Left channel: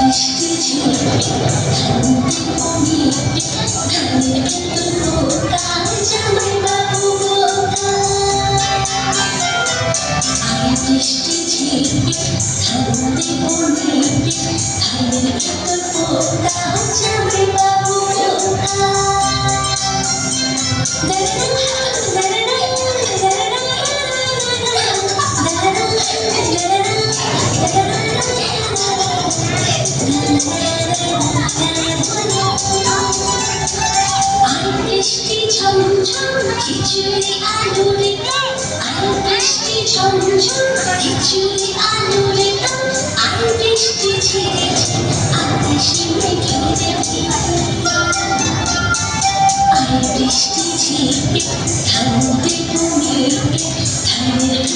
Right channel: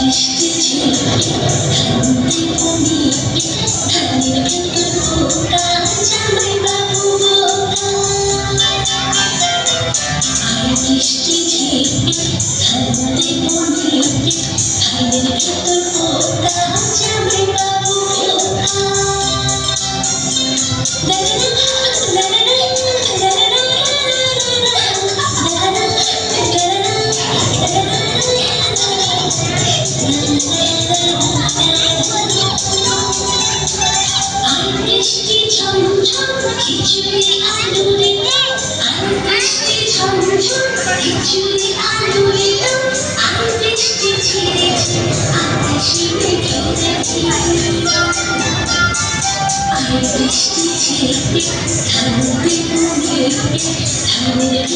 বৃষ্টি ঝিরে ঠান্ডি কমিতে ধানের ভেতর পোকা জামাই বাবু বোকা আয় বৃষ্টি ঝিরে ঠান্ডি কমিতে ধানের ভেতর পোকা জামাই বাবু বোকা বৃষ্টি ঝমঝম খিচুড়ি আলুরে আর বৃষ্টি ঝমঝম খিচুড়ি আলুরে আর বৃষ্টি ঝিরে ঝিরে আকাশে মেঘেরে আর বৃষ্টি ঝিরে ঠান্ডে কমিতে ধানের